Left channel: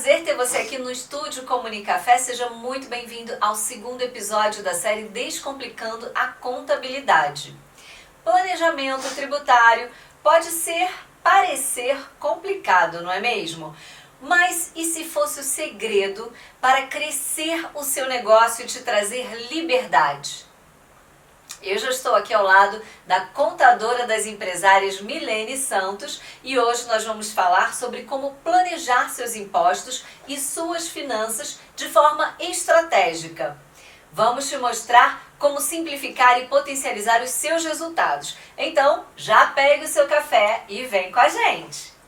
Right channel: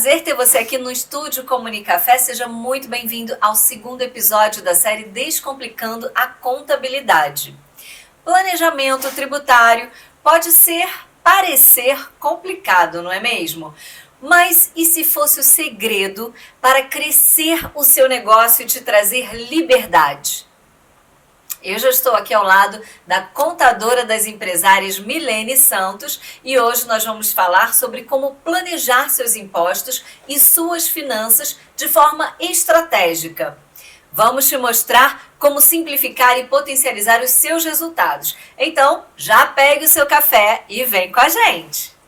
prazer ter você aqui no Estúdio Comunicafé. Seja muito bem-vindo ao segundo episódio da série Descomplicando a Contabilidade. Planejamento tributário pode parecer complicado, não é mesmo? Mas e se fosse o segredo para crescer o seu negócio e te trazer liberdade? Eu já estou aqui ao lado da contadora das empresárias Milene Santos e hoje nós vamos falar sobre como planejar seus impostos e suas finanças de forma estratégica. Vamos te mostrar como simplificar e potencializar os seus resultados. Então, já pegue o seu café e vem com a gente!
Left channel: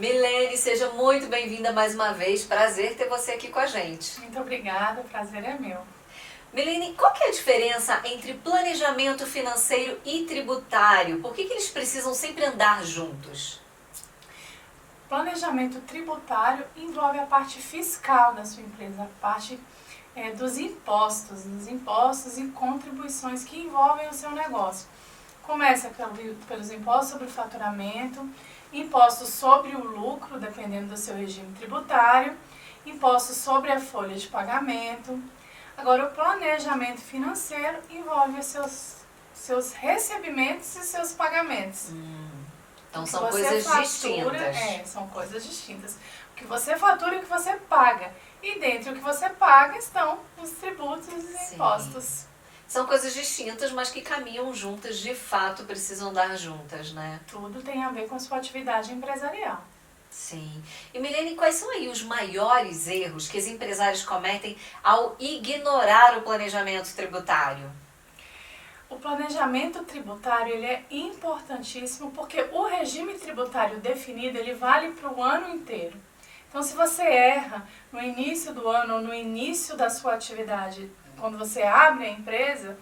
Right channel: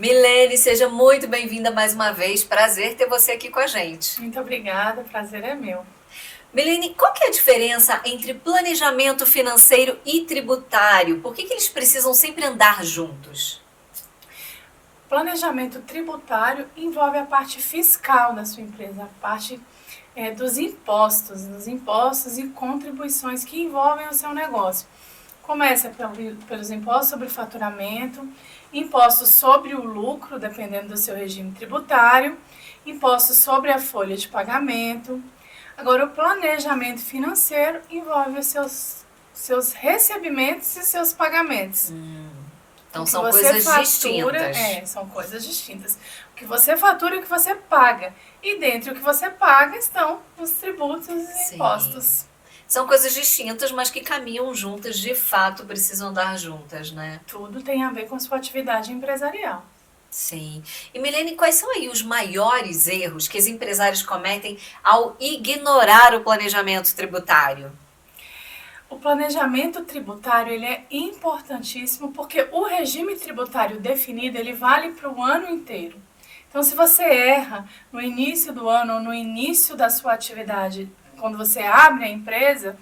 Milene, seja muito bem-vinda mais uma vez. Prazer ter você aqui com a gente. Muito obrigada, o prazer é meu. Milene, qual que é a diferença entre planejamento financeiro e tributário? Por que eles precisam sempre andar juntos? Planejamento tributário envolve a parte fiscal da sua empresa, a parte dos impostos e contribuições que envolvem o seu negócio. Começa pelos impostos sobre o faturamento, impostos sobre o lucro, dependendo do seu regime tributário, impostos sobre a folha de pagamento. Agora, o planejamento financeiro envolve os seus recebimentos e seus pagamentos. Então são coisas distintas. São coisas distintas. O que você fatura e o que você paga. E dentro do que você paga estão os tributos e impostos. São coisas distintas, mas que caminham juntas, de fato, precisam andar juntas, né? Tudo tem a ver com a sua atividade empresarial. Sim. E Milene, quais são aí os maiores erros que os empresários cometem ao ignorar o planejamento tributário? O planejamento tributário ele é importantíssimo porque o regime tributário definido ele vale para o ano inteiro. Então, se você erra no início do ano ou no início da sua atividade, quando você abre a empresa,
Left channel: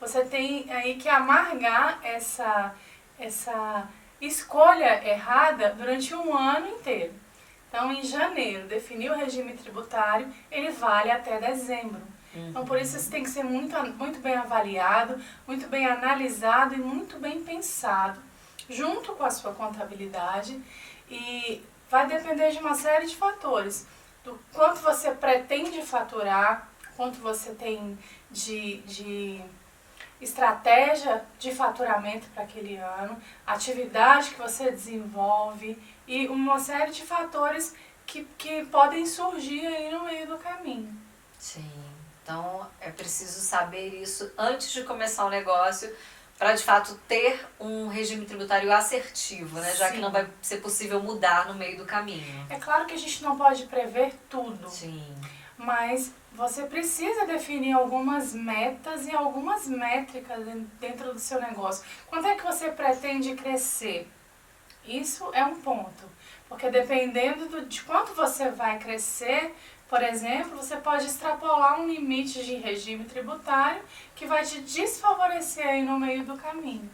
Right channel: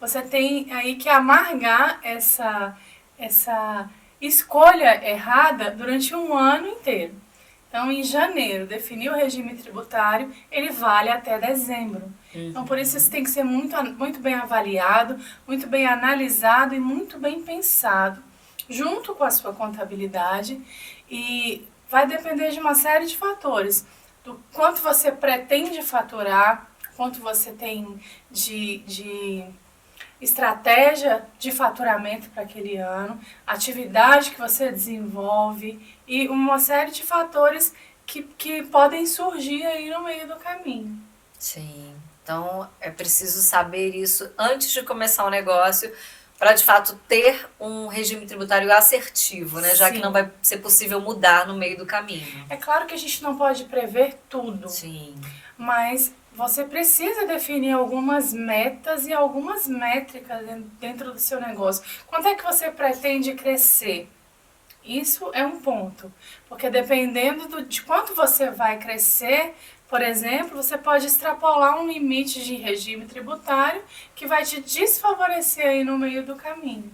você tem aí que amargar essa escolha errada durante um ano inteiro. Então, em janeiro, definir o regime tributário, ele vale até dezembro. Então, por isso, isso tem que ser muito bem avaliado, muito bem analisado e muito bem pensado, junto com a sua contabilidade. E vai depender de uma série de fatores, do quanto você pretende faturar, quanto você tem de estratégia de faturamento para aquele ano, atividade que você desenvolve e uma série de fatores que podem surgir aí no meio do caminho. Sim, então é preciso saber isso antes de começar o negócio para de fato ter um regime tributário assertivo, né? Já que não vai ser possível mudar no meio do caminho. É claro que a gente não pode prever tudo. Sim. Mas você precisa definir algumas metas e algumas métricas dentro do seu negócio. Quanto é que você pretende crescer? Isso é um ponto, porque dependendo de quanto você vai crescer, por exemplo, você pode extrapolar um limite de regime tributário que vai te desfavorecer aí no meio do caminho.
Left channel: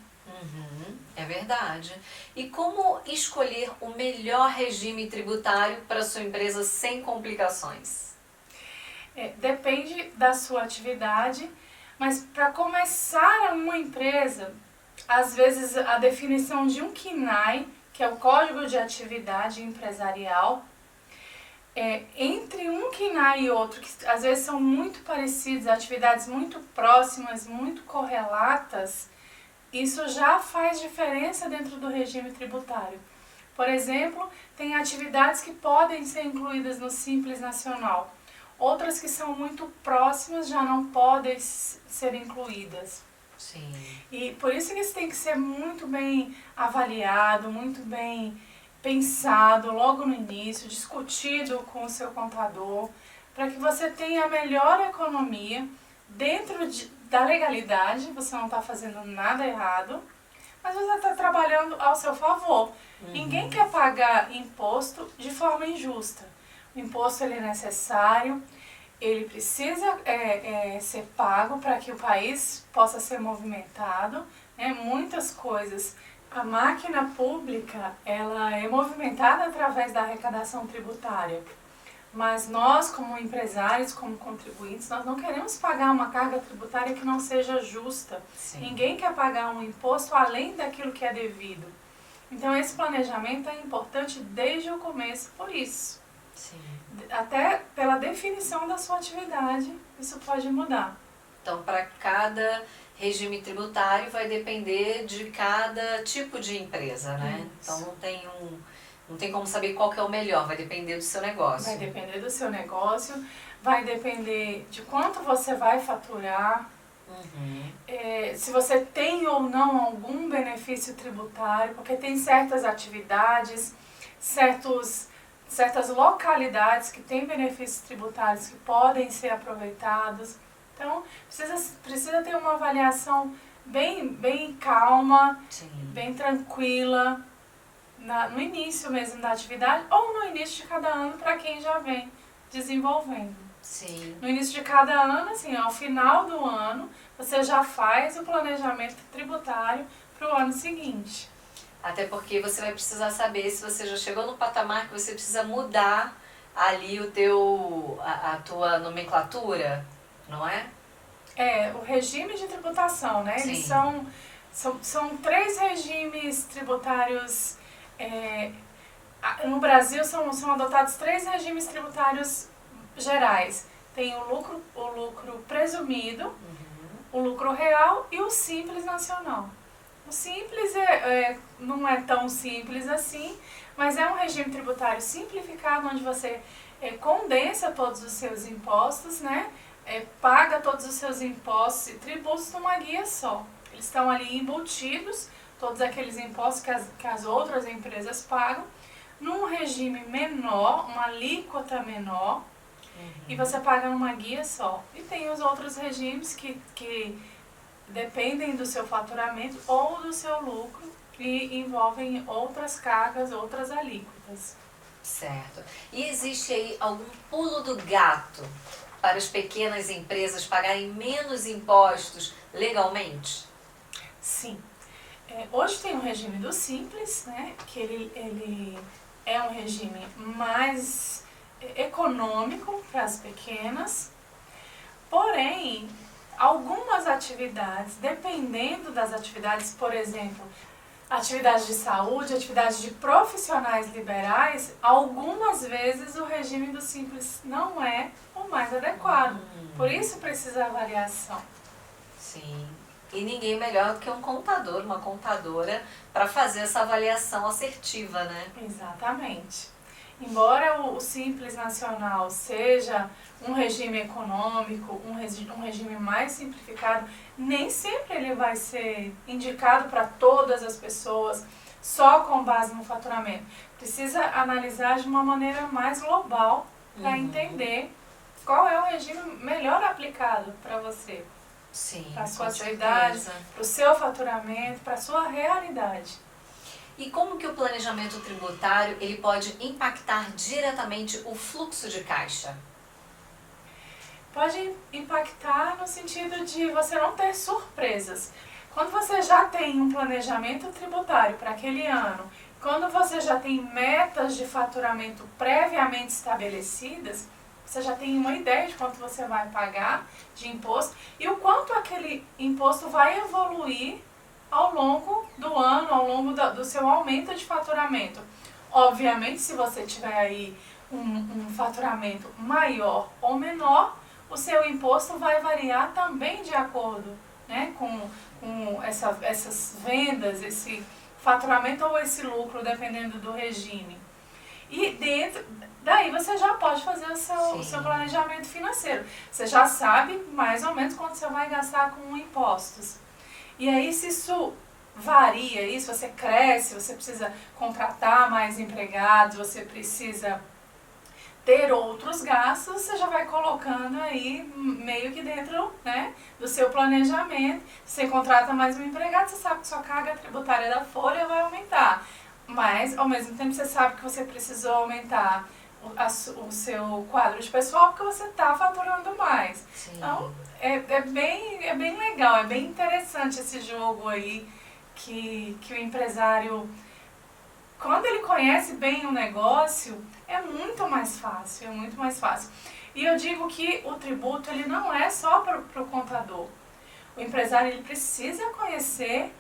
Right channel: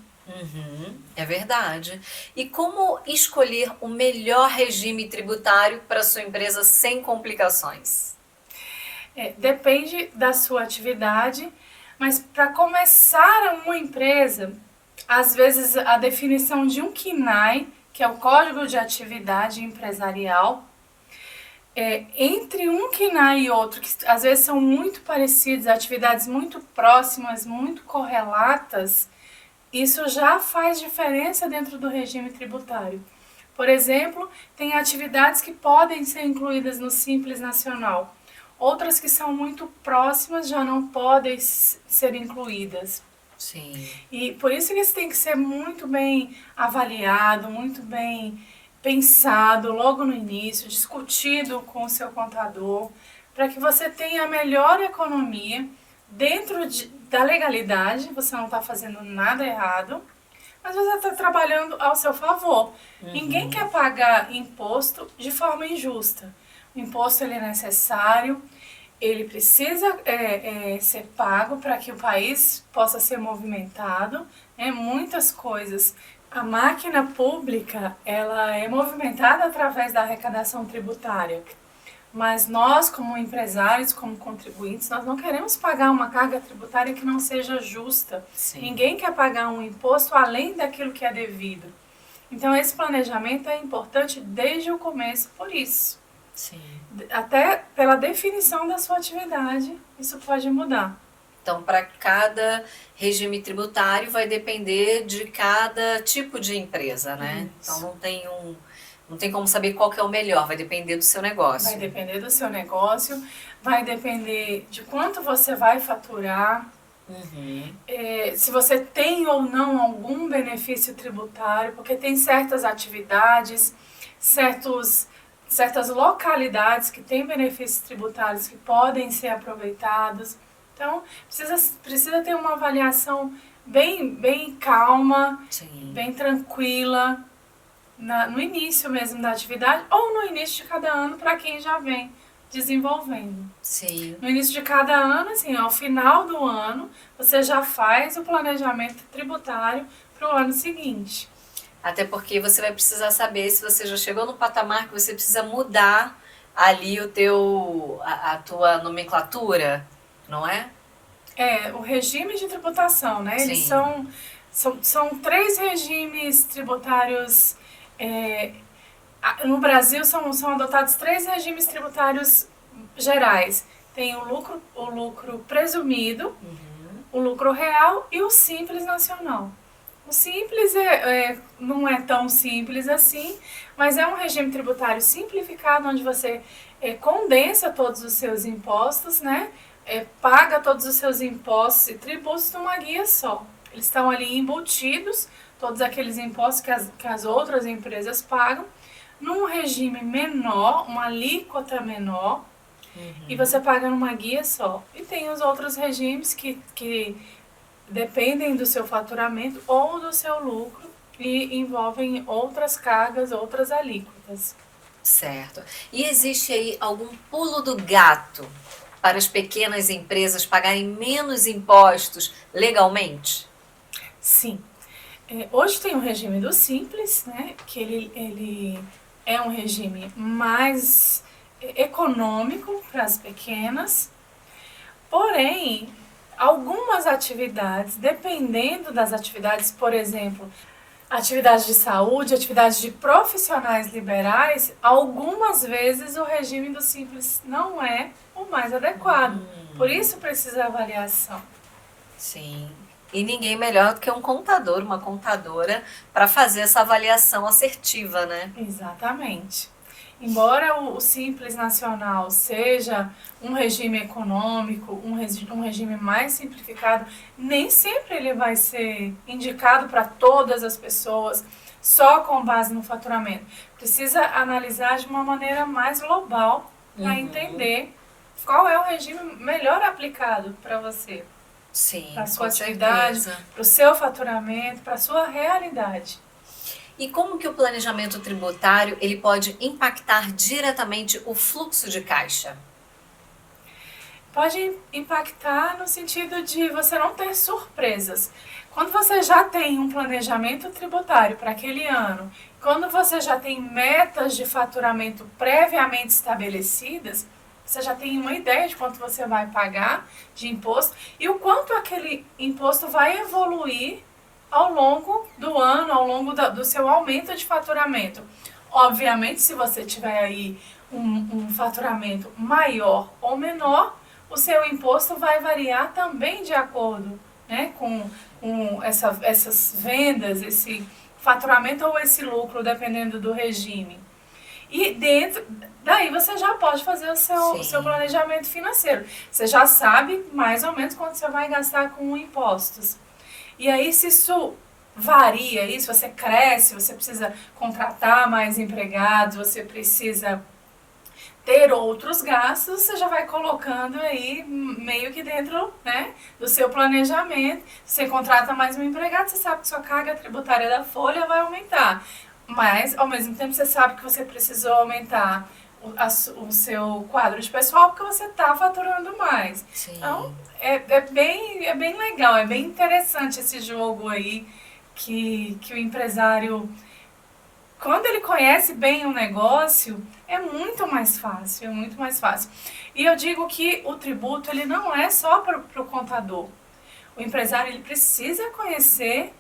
É verdade. E como escolher o melhor regime tributário para sua empresa sem complicações? Depende da sua atividade, mas para começar uma empresa, às vezes a definição de um CNAE, que é o Código de Atividade Empresarial, entre um CNAE e outro, que às vezes são muito parecidos, atividades muito próximas, muito correlatas, isso já faz diferença dentro do regime tributário. Por exemplo, tem atividades que podem ser incluídas no Simples Nacional. Outras que são muito próximas já não podem ser incluídas. Sim. E por isso que isso tem que ser muito bem avaliado, muito bem pensado logo no início, discutido com o seu contador, para que você tenha a melhor economia dentro da legalidade, você não está fazendo nada errado, mas você está trabalhando ao seu favor. Ninguém quer pagar imposto de forma injusta. O imposto ele é necessário, ele precisa ser pago para que o país possa ser movimentado, muitas coisas. A máquina pública ela é movimentada através da arrecadação tributária. Mas nós, como empresários, como contribuintes, nós não queremos pagar uma carga tributária que não seja justa. Sim. Ninguém quer pagar um imposto além daquilo que é devido. Então, esse planejamento é importante desde o começo por isso. Sim. Até pela definição da sua atividade, isso pode mudar. Então, para cada regime tributário vai depender de cada tipo de empresa, né? Isso. Então, não tem como saber qual que é o melhor, vai depender do seu negócio. Vai depender do seu negócio, vai depender de quanto você vai faturar, se você tem ou não algum benefício tributário, porque tem certas atividades, certas localidades que têm benefícios tributários que podem ser aproveitados. Então, precisa ter uma avaliação bem calma, Sim. bem tranquila, no início mesmo da atividade ou no início de cada ano para quem já vem desenvolvendo. Sim. No início de cada ano, assim, ao final do ano, você já faz o planejamento tributário para o ano seguinte. Até porque você vai precisar saber se você já chegou no patamar que você precisa mudar ali a tua nomenclatura, não é? O regime de tributação, né? Sim. Eles são 3 regimes tributários. No Brasil são adotados 3 regimes tributários gerais. Tem o lucro presumido, o lucro real e o simples nacional. O simples não é tão simples assim, mas é um regime tributário simplificado onde você condensa todos os seus impostos, né? Paga todos os seus impostos e tributos numa guia só. Eles estão ali embutidos, todos aqueles impostos que as outras empresas pagam, num regime menor, uma alíquota menor, e você paga numa guia só. E tem os outros regimes que dependem do seu faturamento ou do seu lucro e envolvem outras cargas, outras alíquotas. Certo. E existe aí algum pulo do gato para as pequenas empresas pagarem menos impostos legalmente? Sim. Hoje tem o regime do Simples, né, que ele é um regime mais econômico para as pequenas, porém, algumas atividades, dependendo das atividades, por exemplo, atividades de saúde, atividades de profissionais liberais, algumas vezes o regime do Simples não é o mais adequado. Por isso precisa avaliação. Sim. E ninguém melhor do que um contador, uma contadora, para fazer essa avaliação assertiva, né? Exatamente. Embora o Simples Nacional seja um regime econômico, um regime mais simplificado, nem sempre ele vai ser indicado para todas as pessoas, só com base no faturamento. Precisa analisar de uma maneira mais global para entender qual é o regime melhor aplicado para você. Sim, para a sua com atividade, certeza. para o seu faturamento, para a sua realidade. E como que o planejamento tributário ele pode impactar diretamente o fluxo de caixa? Pode impactar no sentido de você não ter surpresas. Quando você já tem um planejamento tributário para aquele ano, quando você já tem metas de faturamento previamente estabelecidas, você já tem uma ideia de quanto você vai pagar de imposto e o quanto aquele imposto vai evoluir ao longo do ano, ao longo do seu aumento de faturamento. Obviamente, se você tiver aí um faturamento maior ou menor, o seu imposto vai variar também de acordo, né, com essas vendas, esse faturamento ou esse lucro, dependendo do regime. E daí você já pode fazer o seu planejamento financeiro. Você já sabe mais ou menos quanto você vai gastar com impostos. E aí, se isso varia, se você cresce, você precisa contratar mais empregados, você precisa ter outros gastos, você já vai colocando aí meio que dentro, né, do seu planejamento. Se você contrata mais um empregado, você sabe que sua carga tributária da folha vai aumentar. Mas, ao mesmo tempo, você sabe que você precisou aumentar o seu quadro de pessoal porque você está faturando mais. Sim. Então, é bem legal, é bem interessante esse jogo aí que o empresário quando ele conhece bem o negócio, é muito mais fácil, é muito mais fácil. E eu digo que o tributo, ele não é só para o contador. O empresário, ele precisa conhecer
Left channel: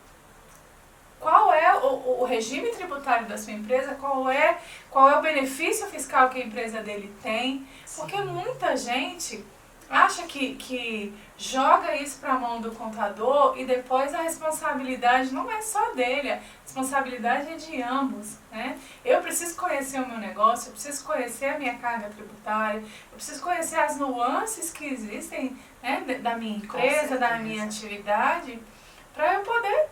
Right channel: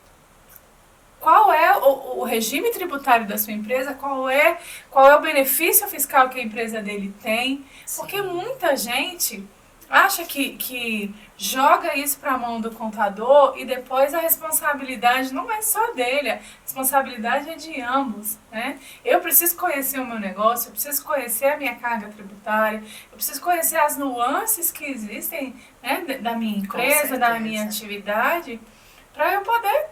qual é o regime tributário da sua empresa, qual é o benefício fiscal que a empresa dele tem. Porque muita gente acha que joga isso para a mão do contador e depois a responsabilidade não é só dele, a responsabilidade é de ambos, né? Eu preciso conhecer o meu negócio, eu preciso conhecer a minha carga tributária, eu preciso conhecer as nuances que existem, né, da minha empresa, da minha atividade, para eu poder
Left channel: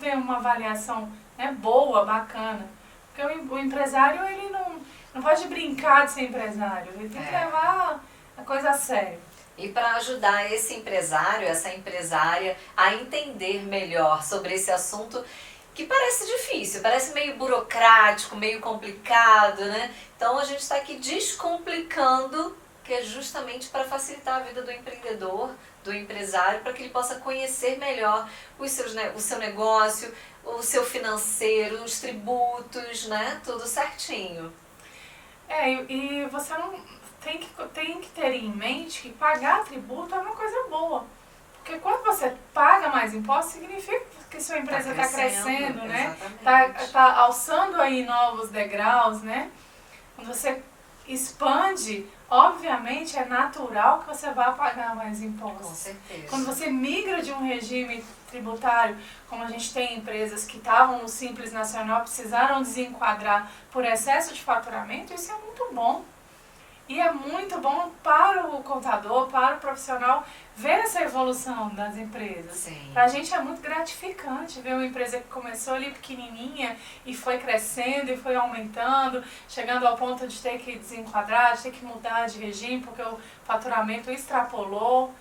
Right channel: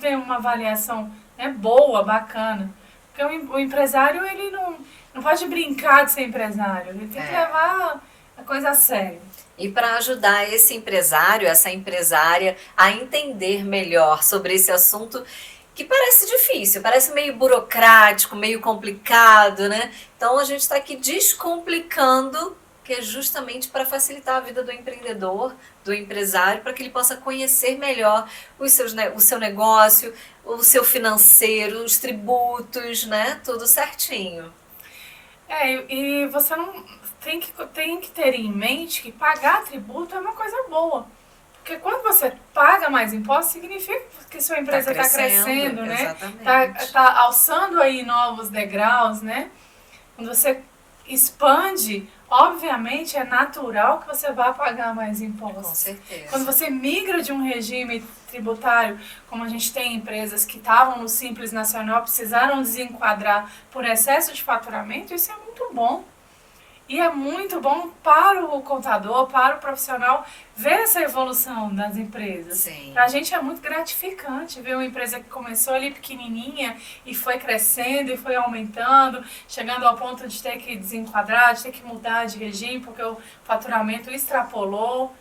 ter uma avaliação, né, boa, bacana. Porque o empresário, ele não pode brincar de ser empresário, ele tem que levar a coisa a sério. E para ajudar esse empresário, essa empresária a entender melhor sobre esse assunto que parece difícil, parece meio burocrático, meio complicado, né? Então a gente está aqui descomplicando, que é justamente para facilitar a vida do empreendedor, do empresário, para que ele possa conhecer melhor o seu negócio, o seu financeiro, os tributos, né? Tudo certinho. E você não tem que ter em mente que pagar tributo é uma coisa boa. Porque quando você paga mais impostos, significa que sua empresa está crescendo, né? Tá alçando aí novos degraus, né? Quando você expande, obviamente é natural que você vá pagar mais impostos. Com certeza. Quando você migra de um regime tributário, como a gente tem empresas que estavam no Simples Nacional, precisaram desenquadrar por excesso de faturamento, isso é muito bom. E é muito bom para o contador, para o profissional, ver essa evolução das empresas. Para a gente é muito gratificante ver uma empresa que começou ali pequenininha e foi crescendo e foi aumentando, chegando ao ponto de ter que desenquadrar, de ter que mudar de regime, porque o faturamento extrapolou.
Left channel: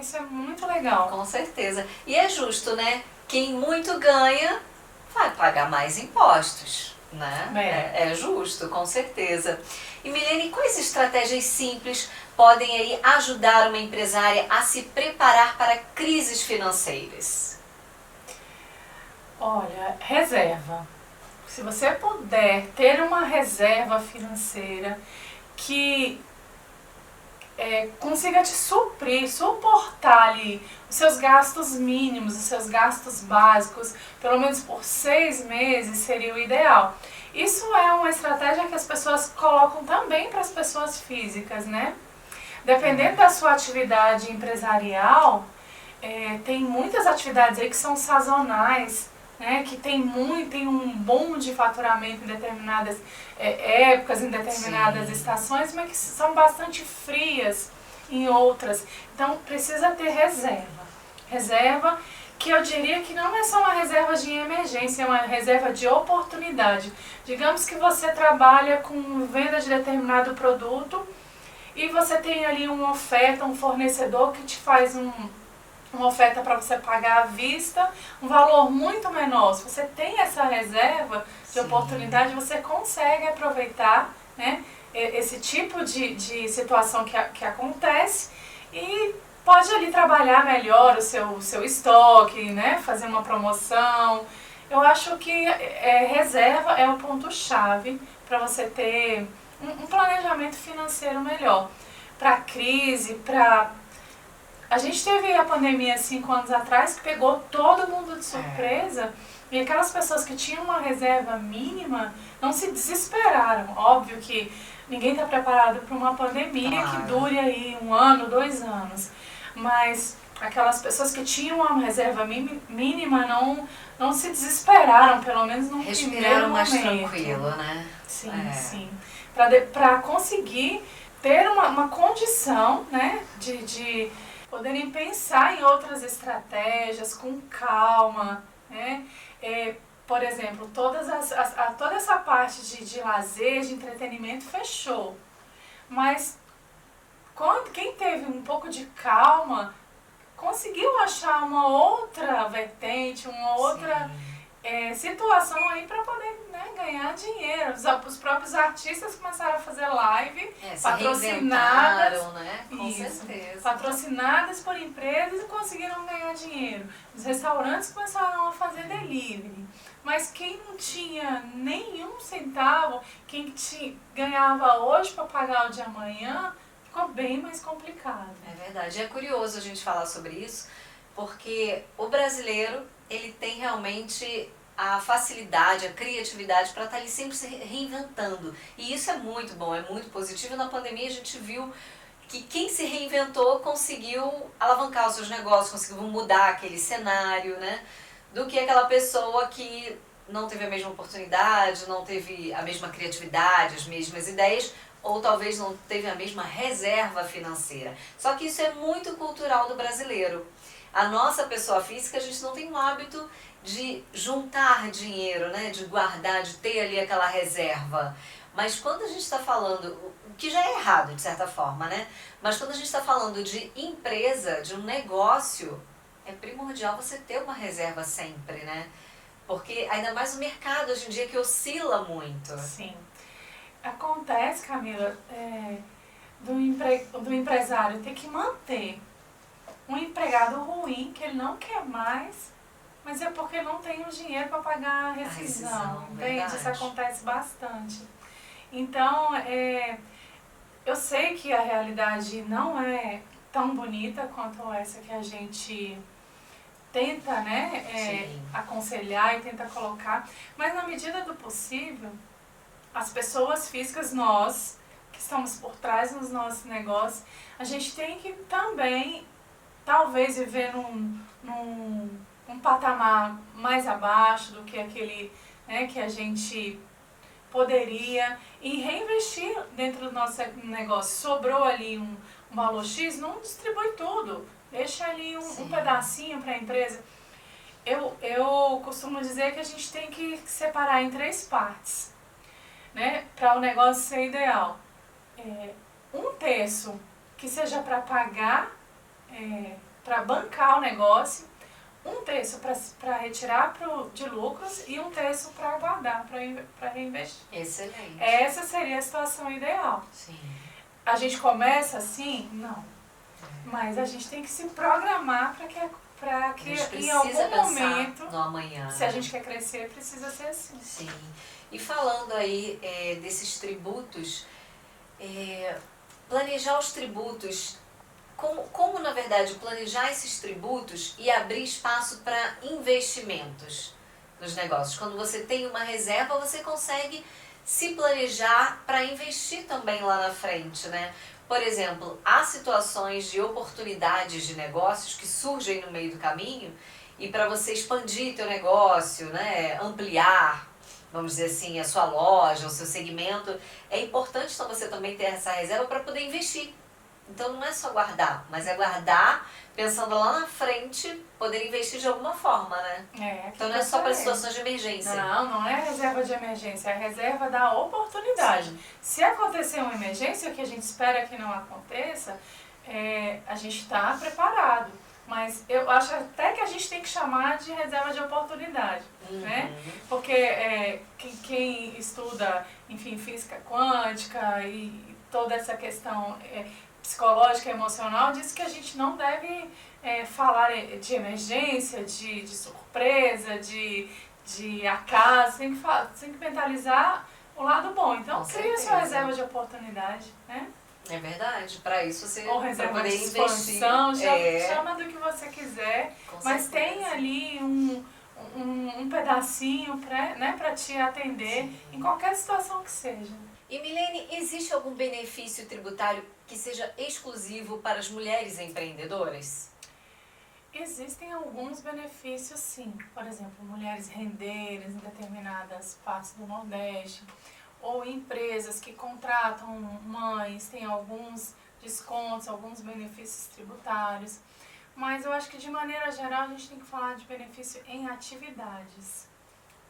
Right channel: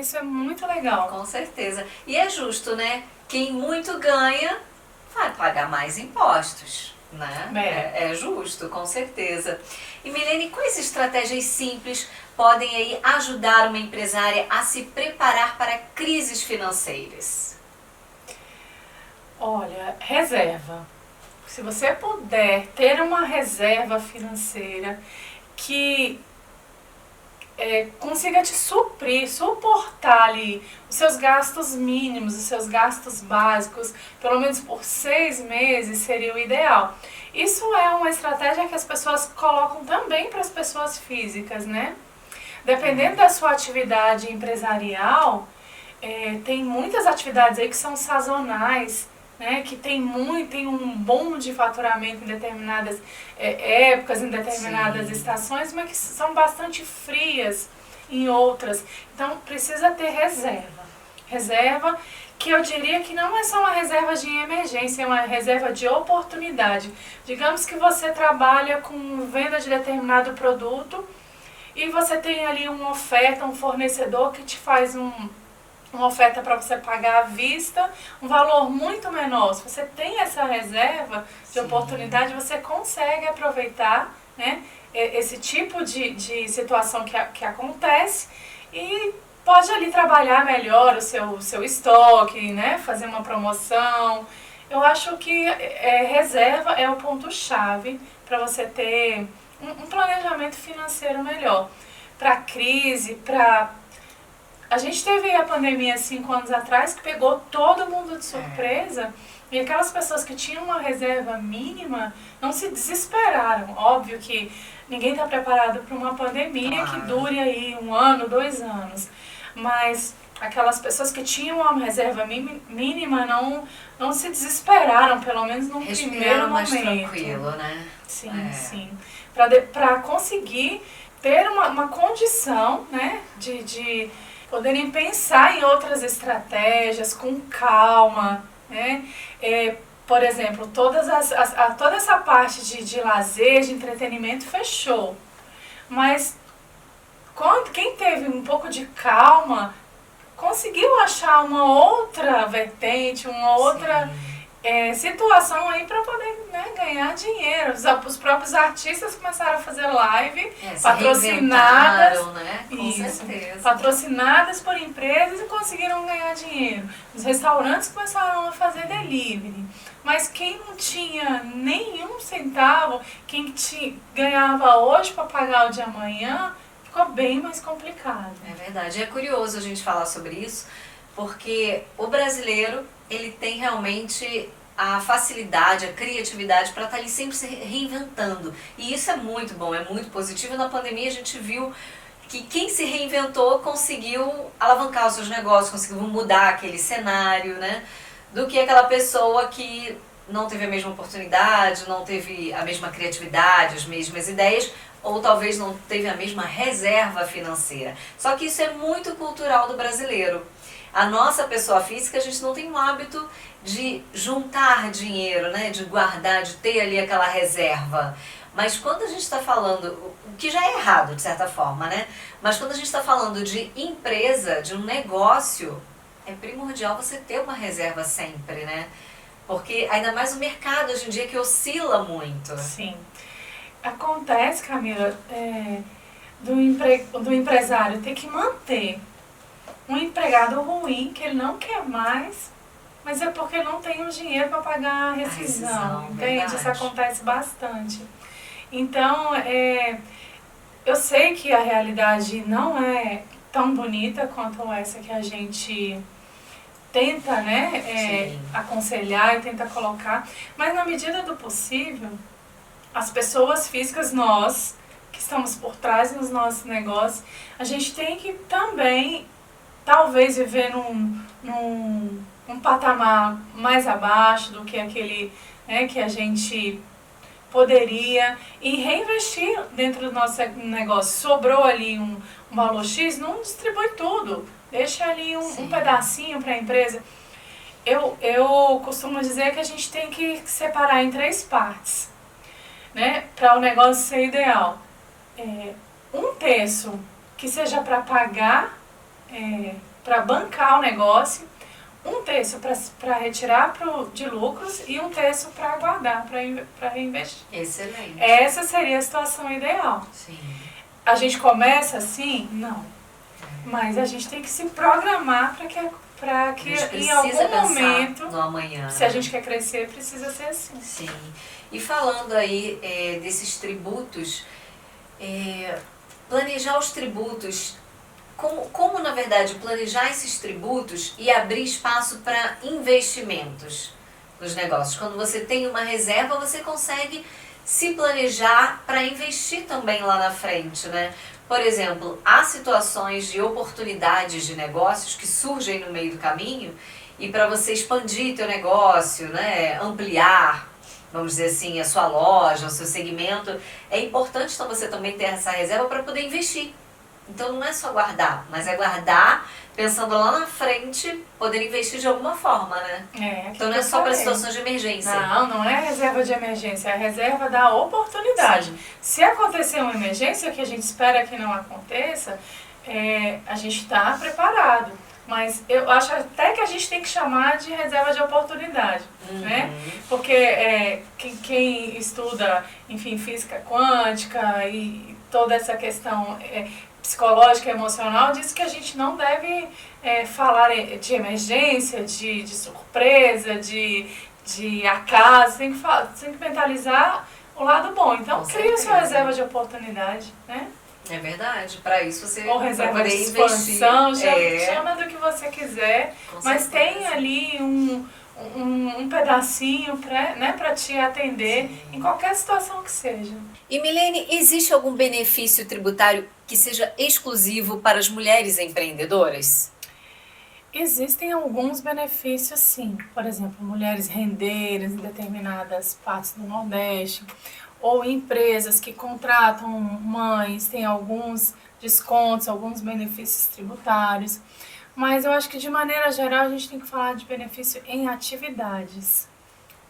Isso é muito legal. Com certeza. E é justo, né? Quem muito ganha vai pagar mais impostos, né? É justo, com certeza. E Milene, quais estratégias simples podem aí ajudar uma empresária a se preparar para crises financeiras? Olha, reserva. Se você puder ter uma reserva financeira que consiga te suprir, suportar ali os seus gastos mínimos, os seus gastos básicos, pelo menos por 6 meses seria o ideal. Isso é uma estratégia que as pessoas colocam também para as pessoas físicas, né? Dependendo da sua atividade empresarial, tem muitas atividades aí que são sazonais, né? Que tem um boom de faturamento em determinadas épocas, em determinadas estações, mas que são bastante frias em outras. Então precisa ter reserva. Reserva que eu diria que não é só uma reserva de emergência, é uma reserva de oportunidade. Digamos que você trabalha com venda de determinado produto e você tem ali uma oferta, um fornecedor que te faz uma oferta para você pagar à vista, um valor muito menor. Se você tem essa reserva de oportunidade, você consegue aproveitar, né, esse tipo de situação que acontece e pode ali trabalhar melhor o seu estoque, né, fazer uma promoção. Eu acho que reserva é o ponto-chave para você ter um planejamento financeiro melhor. Para crise, A gente teve a pandemia 5 anos atrás que pegou todo mundo de surpresa e aquelas pessoas que tinham uma reserva mínima não se desesperaram. Óbvio que ninguém está preparado para uma pandemia que dure aí 1 ano, 2 anos. Mas aquelas pessoas que tinham uma reserva mínima não se desesperaram, pelo menos no primeiro mais momento. Tranquilo, né? Sim. Para conseguir ter uma condição, né, de poderem pensar em outras estratégias com calma, né? Por exemplo, toda essa parte de lazer, de entretenimento fechou. Mas quem teve um pouco de calma conseguiu achar uma outra vertente, uma outra situação aí para poder, né, ganhar dinheiro. Os próprios artistas começaram a fazer live patrocinadas, né? Com certeza. Patrocinadas por empresas e conseguiram ganhar dinheiro. Os restaurantes começaram a fazer delivery. Mas quem não tinha nenhum centavo, quem ganhava hoje para pagar o de amanhã, ficou bem mais complicado. É verdade. É curioso a gente falar sobre isso, porque o brasileiro, ele tem realmente a facilidade, a criatividade para estar ali sempre se reinventando. E isso é muito bom, é muito positivo. Na pandemia a gente viu que quem se reinventou conseguiu alavancar os seus negócios, conseguiu mudar aquele cenário, né? Do que aquela pessoa que não teve a mesma oportunidade, não teve a mesma criatividade, as mesmas ideias, ou talvez não teve a mesma reserva financeira. Só que isso é muito cultural do brasileiro. A nossa pessoa física, a gente não tem o hábito de juntar dinheiro, né? De guardar, de ter ali aquela reserva. Mas quando a gente está falando, o que já é errado de certa forma, né? Mas quando a gente está falando de empresa, de um negócio, é primordial você ter uma reserva sempre, né? Porque ainda mais o mercado hoje em dia que oscila muito. Sim. Acontece, Camila, do empresário ter que manter um empregado ruim que ele não quer mais, mas é porque não tem o dinheiro para pagar a rescisão, entende? Verdade. Isso acontece bastante. Então, eu sei que a realidade não é tão bonita quanto essa que a gente tenta, né, aconselhar e tenta colocar, mas na medida do possível, as pessoas físicas, nós, que estamos por trás dos nossos negócios, a gente tem que também, talvez, viver num patamar mais abaixo do que aquele, né, que a gente poderia, e reinvestir dentro do nosso negócio. Sobrou ali um valor X, não distribui tudo. Deixa ali um pedacinho para a empresa. Eu costumo dizer que a gente tem que separar em 3 partes, né, para o negócio ser ideal. 1/3 que seja para pagar, para bancar o negócio, 1/3 para retirar de lucros e 1/3 para guardar, para reinvestir. Excelente. Essa seria a situação ideal. Sim. A gente começa assim? Não. Mas a gente tem que se programar para que em algum momento, no amanhã, se a gente quer crescer, precisa ser assim. Sim. E falando aí desses tributos, planejar os tributos, como na verdade planejar esses tributos e abrir espaço para investimentos nos negócios. Quando você tem uma reserva, você consegue se planejar para investir também lá na frente, né? Por exemplo, há situações de oportunidades de negócios que surgem no meio do caminho e para você expandir teu negócio, né, ampliar, vamos dizer assim, a sua loja, o seu segmento, é importante então você também ter essa reserva para poder investir. Então não é só guardar, mas é guardar pensando lá na frente, poder investir de alguma forma, né? Então não é só para situações de emergência. Não é reserva de emergência, é a reserva da oportunidade. Sim. Se acontecer uma emergência, o que a gente espera que não aconteça, a gente está preparado. Mas eu acho até que a gente tem que chamar de reserva de oportunidade, né? Porque quem estuda, enfim, física quântica e toda essa questão psicológica e emocional diz que a gente não deve falar de emergência, de surpresa, de acaso, tem que mentalizar o lado bom. Então, cria sua reserva de oportunidade, né? É verdade, para isso você ou reserva de expansão, chama do que você quiser, mas tem ali um pedacinho para te atender em qualquer situação que seja. E Milene, existe algum benefício tributário que seja exclusivo para as mulheres empreendedoras? Existem alguns benefícios, sim. Por exemplo, mulheres renderem em determinadas partes do Nordeste, ou empresas que contratam mães, têm alguns descontos, alguns benefícios tributários. Mas eu acho que, de maneira geral, a gente tem que falar de benefício em atividades,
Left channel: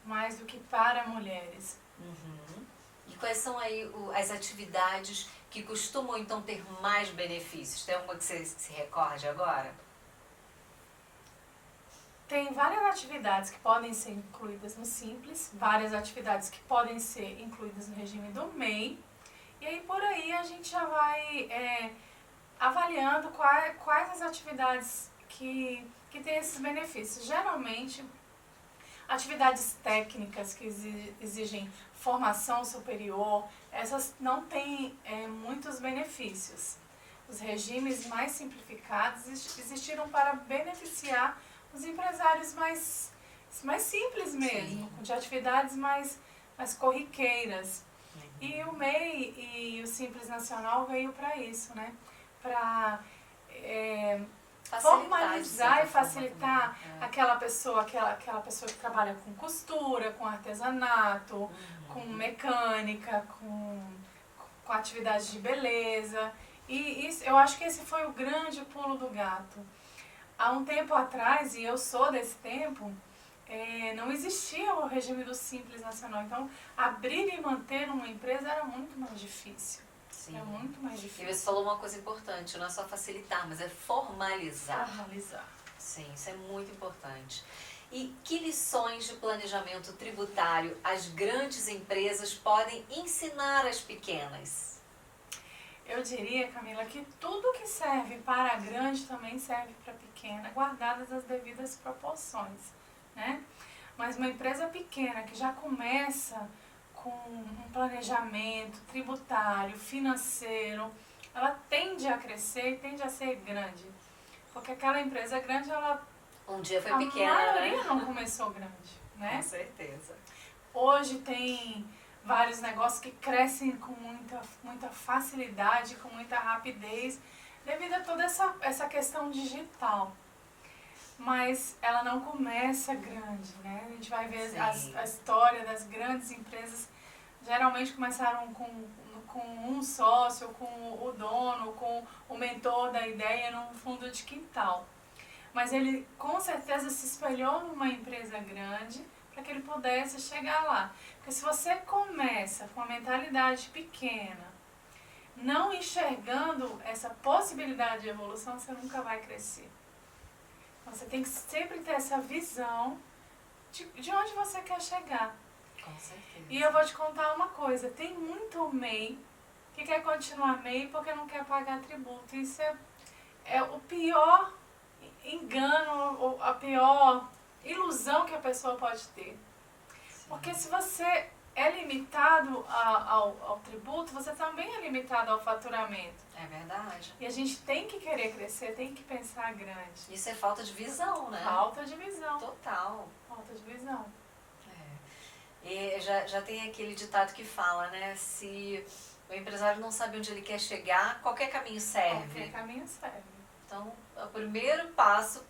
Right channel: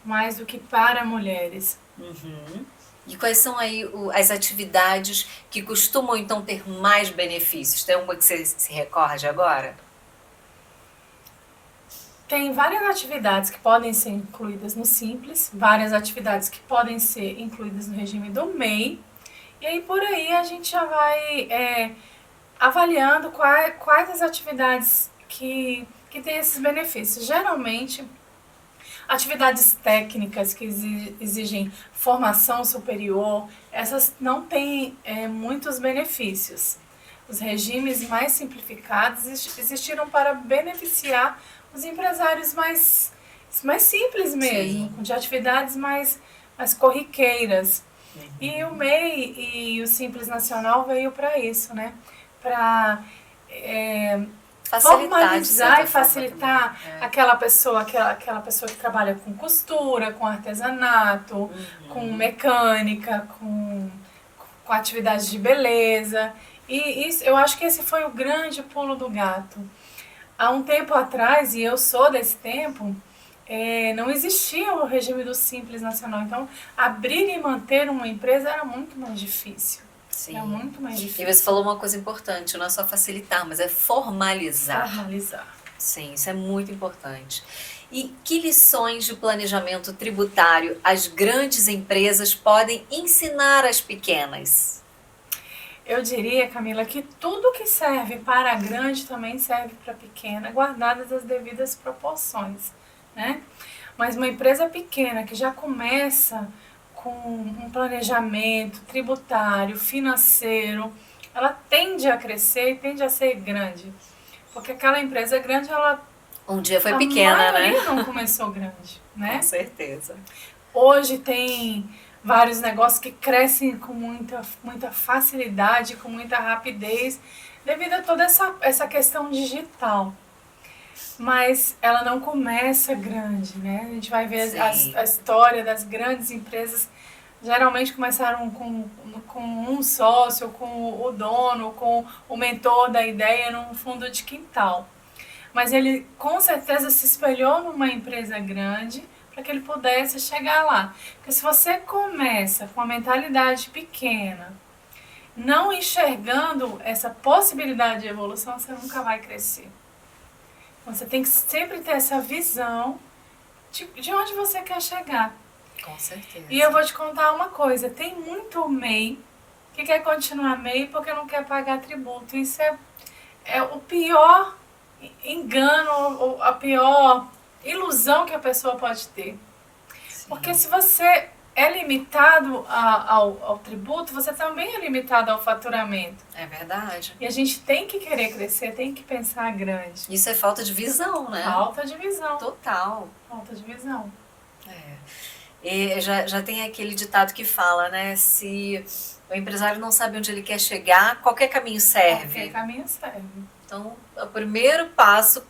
mais do que para mulheres. E quais são aí as atividades que costumam, então, ter mais benefícios? Tem uma que você se recorde agora? tem várias atividades que podem ser incluídas no Simples, várias atividades que podem ser incluídas no regime do MEI, e aí por aí a gente já vai avaliando quais as atividades que têm esses benefícios. Geralmente, atividades técnicas que exigem formação superior, essas não têm muitos benefícios. Os regimes mais simplificados existiram para beneficiar os empresários mais simples mesmo, de atividades mais corriqueiras. E o MEI e o Simples Nacional veio para isso, né? Para formalizar e facilitar aquela pessoa que trabalha com costura, com artesanato, com mecânica, com atividade de beleza. E isso, eu acho que esse foi o grande pulo do gato. Há um tempo atrás, e eu sou desse tempo, não existia o regime do Simples Nacional. Então, abrir e manter uma empresa era muito mais difícil. Sim. É muito mais difícil. E você falou uma coisa importante, não é só facilitar, mas é formalizar. Formalizar. Sim, isso é muito importante. E que lições de planejamento tributário as grandes empresas podem ensinar às pequenas? Eu diria, Camila, que tudo que serve para a grande também serve para a pequena, guardadas as devidas proporções, né? Mas uma empresa pequena que já começa com um planejamento tributário, financeiro, ela tende a crescer e tende a ser grande. Porque aquela empresa grande, Um dia foi pequena, né? A maioria não começou grande, né? Com certeza. Hoje tem vários negócios que crescem com muita facilidade, com muita rapidez, devido a toda essa questão digital. Mas ela não começa grande, né? A gente vai ver a história das grandes empresas, geralmente começaram com um sócio, com o dono, com o mentor da ideia no fundo de quintal. Mas ele com certeza se espelhou numa empresa grande para que ele pudesse chegar lá. Porque se você começa com uma mentalidade pequena, não enxergando essa possibilidade de evolução, você nunca vai crescer. Você tem que sempre ter essa visão de onde você quer chegar. Com certeza. E eu vou te contar uma coisa, tem muito MEI que quer continuar MEI porque não quer pagar tributo. Isso é o pior engano, a pior ilusão que a pessoa pode ter. Sim. Porque se você é limitado ao tributo, você também é limitado ao faturamento. É verdade. E a gente tem que querer crescer, tem que pensar grande. Isso é falta de visão, né? Falta de visão. Total. Falta de visão. E já tem aquele ditado que fala, né? Se o empresário não sabe onde ele quer chegar, qualquer caminho serve. Qualquer caminho serve. Então, o primeiro passo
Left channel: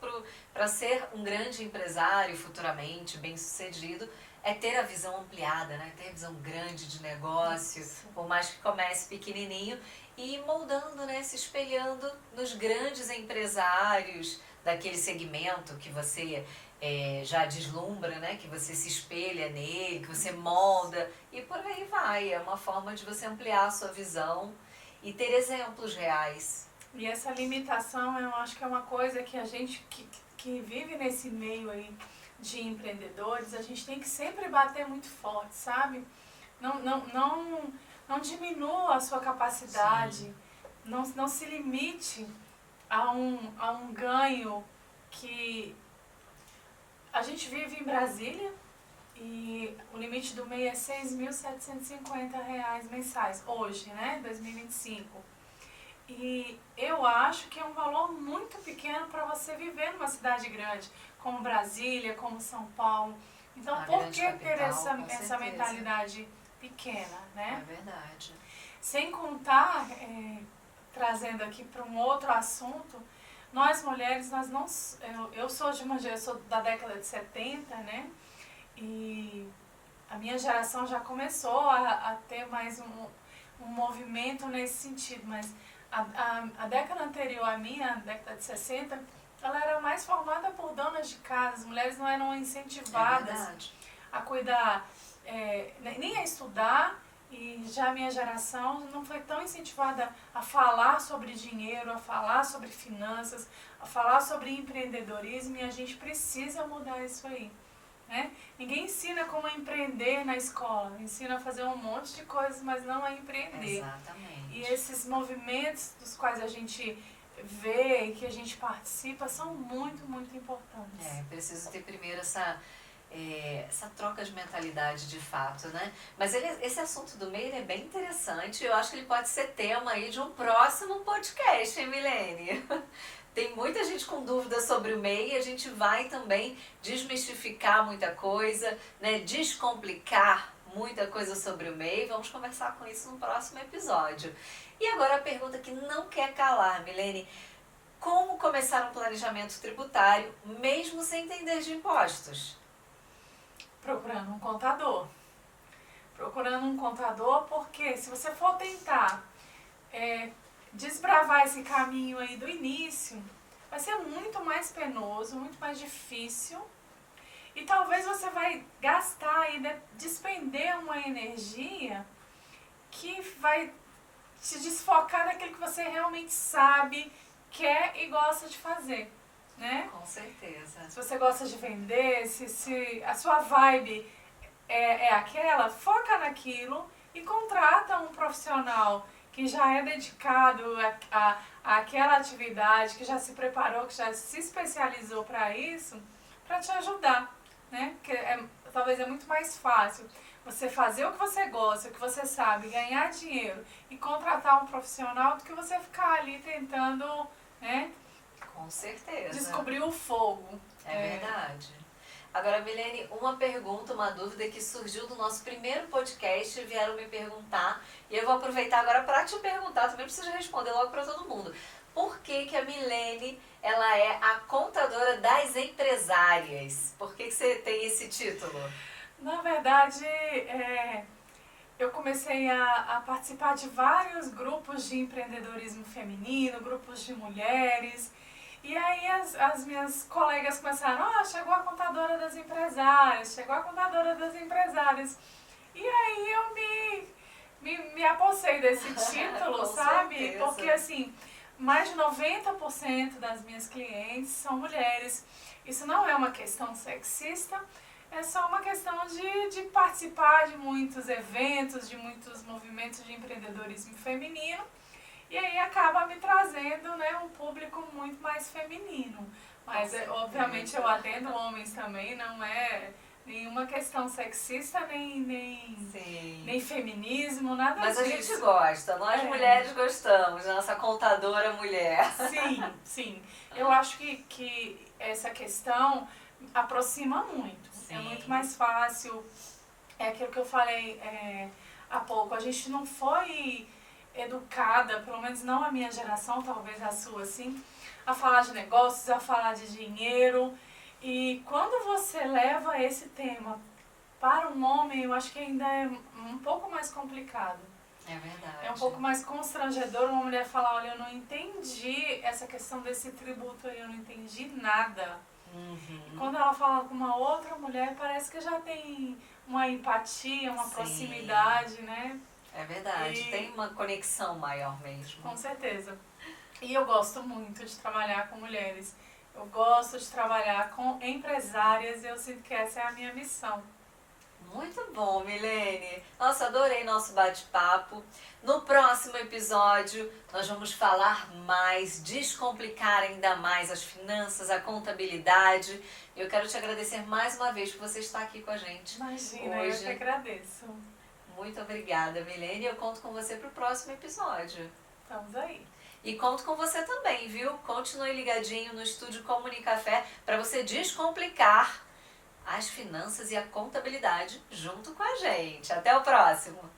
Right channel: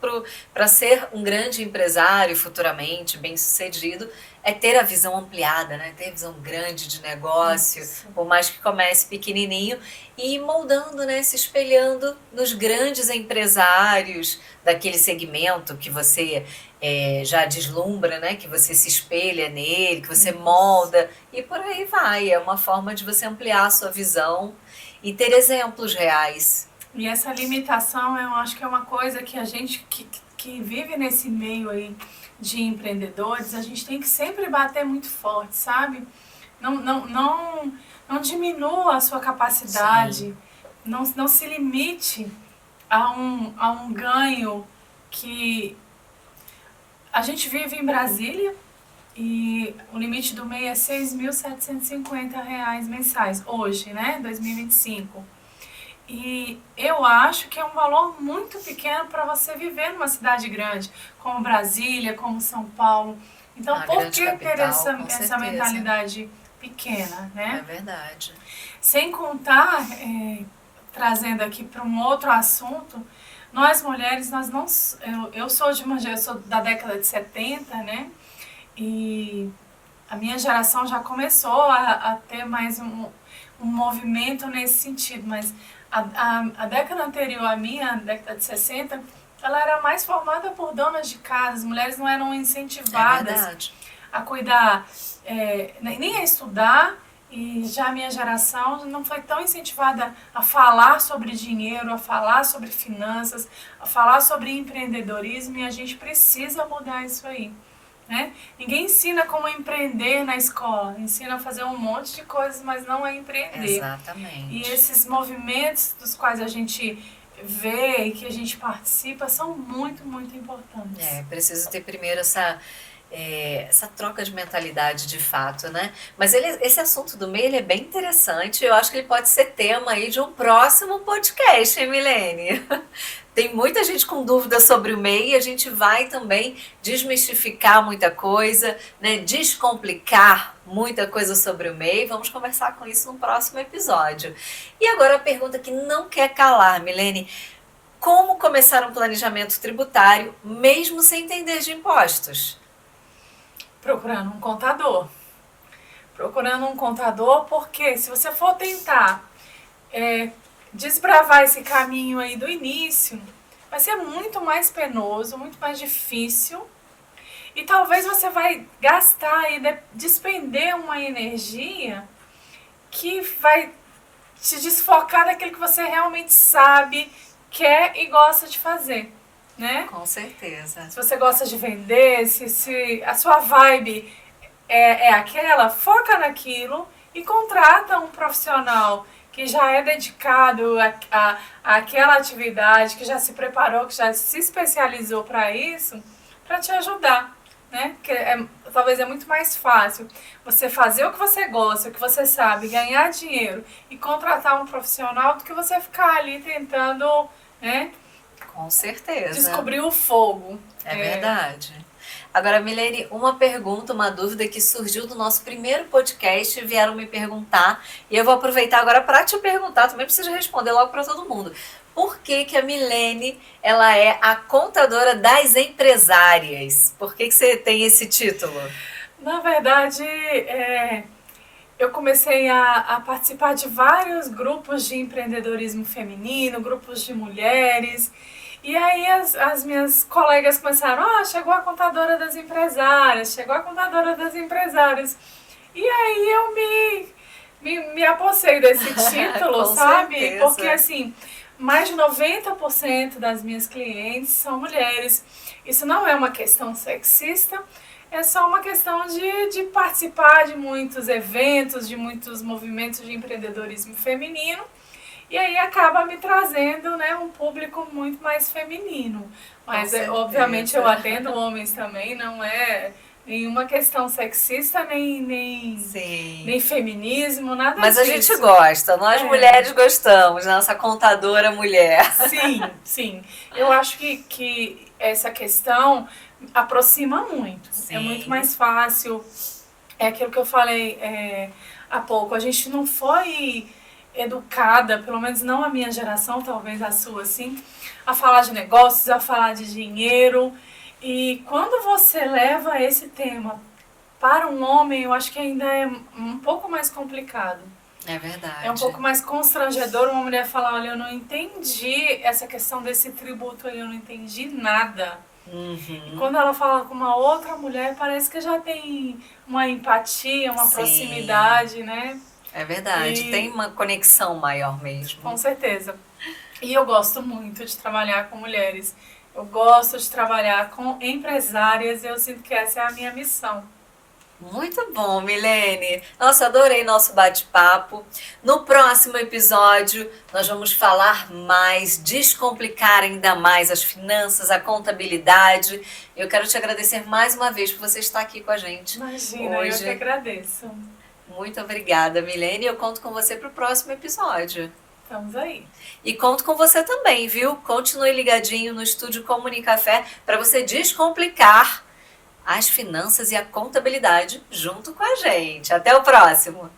para ser um grande empresário futuramente, bem-sucedido, é ter a visão ampliada, né? Ter a visão grande de negócio, isso. Por mais que comece pequenininho, e ir moldando, né? Se espelhando nos grandes empresários daquele segmento que você já deslumbra, né? Que você se espelha nele, que você molda, e por aí vai. É uma forma de você ampliar a sua visão e ter exemplos reais. E essa limitação, eu acho que é uma coisa que a gente que vive nesse meio aí de empreendedores, a gente tem que sempre bater muito forte, sabe? Não diminua a sua capacidade, não se limite a um ganho que... A gente vive em Brasília e o limite do MEI é R$ 6.750 mensais, hoje, né? 2025. E eu acho que é um valor muito pequeno para você viver numa cidade grande, como Brasília, como São Paulo. Então, por que ter essa mentalidade pequena, né? É verdade. Sem contar, trazendo aqui para um outro assunto, nós mulheres, eu sou da década de 70, né? E a minha geração já começou a ter mais um movimento nesse sentido, mas a década anterior à minha, a década de 60, ela era mais formada por donas de casa. As mulheres não eram incentivadas a cuidar, nem a estudar E já a minha geração não foi tão incentivada a falar sobre dinheiro, a falar sobre finanças, a falar sobre empreendedorismo, e a gente precisa mudar isso aí, né? Ninguém ensina como empreender na escola, ensina a fazer um monte de coisas, mas não a empreender. Exatamente. E esses movimentos dos quais a gente vê e que a gente participa são muito, muito importantes. Preciso ter primeiro essa troca de mentalidade de fato, né? Mas esse assunto do MEI, ele é bem interessante. Eu acho que ele pode ser tema aí de um próximo podcast, hein, Milene? Tem muita gente com dúvidas sobre o MEI e a gente vai também desmistificar muita coisa, né? Descomplicar muita coisa sobre o MEI. Vamos conversar com isso no próximo episódio. E agora a pergunta que não quer calar, Milene. Como começar um planejamento tributário mesmo sem entender de impostos? Procurando um contador. Procurando um contador, porque se você for tentar desbravar esse caminho aí do início, vai ser muito mais penoso, muito mais difícil. E talvez você vai gastar e despender uma energia que vai te desfocar daquilo que você realmente sabe, quer e gosta de fazer, né? Com certeza. Se você gosta de vender, se a sua vibe é aquela, foca naquilo e contrata um profissional que já é dedicado àquela atividade, que já se preparou, que já se especializou para isso, para te ajudar, né? Porque talvez é muito mais fácil você fazer o que você gosta, o que você sabe, ganhar dinheiro e contratar um profissional do que você ficar ali tentando, né? Com certeza. Descobrir o fogo. É verdade. Agora, Milene, uma pergunta, uma dúvida que surgiu do nosso primeiro podcast, vieram me perguntar, e eu vou aproveitar agora para te perguntar, também precisa responder logo para todo mundo. Por que que a Milene, ela é a contadora das empresárias? Por que que você tem esse título? Na verdade, eu comecei a participar de vários grupos de empreendedorismo feminino, grupos de mulheres. E aí as minhas colegas começaram, chegou a contadora das empresárias, chegou a contadora das empresárias. E aí eu me apossei desse título, sabe? Certeza. Porque assim, mais de 90% das minhas clientes são mulheres. Isso não é uma questão sexista, é só uma questão de participar de muitos eventos, de muitos movimentos de empreendedorismo feminino. E aí acaba me trazendo, né, um público muito mais feminino. Mas, obviamente, eu atendo homens também, não é nenhuma questão sexista, nem feminismo, nada Mas disso. a gente gosta, nós mulheres gostamos, nossa contadora mulher. Sim. Eu acho que essa questão aproxima muito. Sim. É muito mais fácil. É aquilo que eu falei há pouco. A gente não foi educada, pelo menos não a minha geração, talvez a sua, assim, a falar de negócios, a falar de dinheiro. E quando você leva esse tema para um homem, eu acho que ainda é um pouco mais complicado. É verdade. É um pouco mais constrangedor uma mulher falar, olha, eu não entendi essa questão desse tributo aí, eu não entendi nada. Uhum. E quando ela fala com uma outra mulher, parece que já tem uma empatia, uma proximidade, né? É verdade, tem uma conexão maior mesmo. Com certeza. E eu gosto muito de trabalhar com mulheres. Eu gosto de trabalhar com empresárias e eu sinto que essa é a minha missão. Muito bom, Milene. Nossa, adorei nosso bate-papo. No próximo episódio, nós vamos falar mais, descomplicar ainda mais as finanças, a contabilidade. Eu quero te agradecer mais uma vez por você estar aqui com a gente. Imagina, hoje. Eu que agradeço. Muito obrigada, Milene. Eu conto com você para o próximo episódio. Estamos aí. E conto com você também, viu? Continue ligadinho no Estúdio Comunicafé para você descomplicar as finanças e a contabilidade junto com a gente. Até o próximo!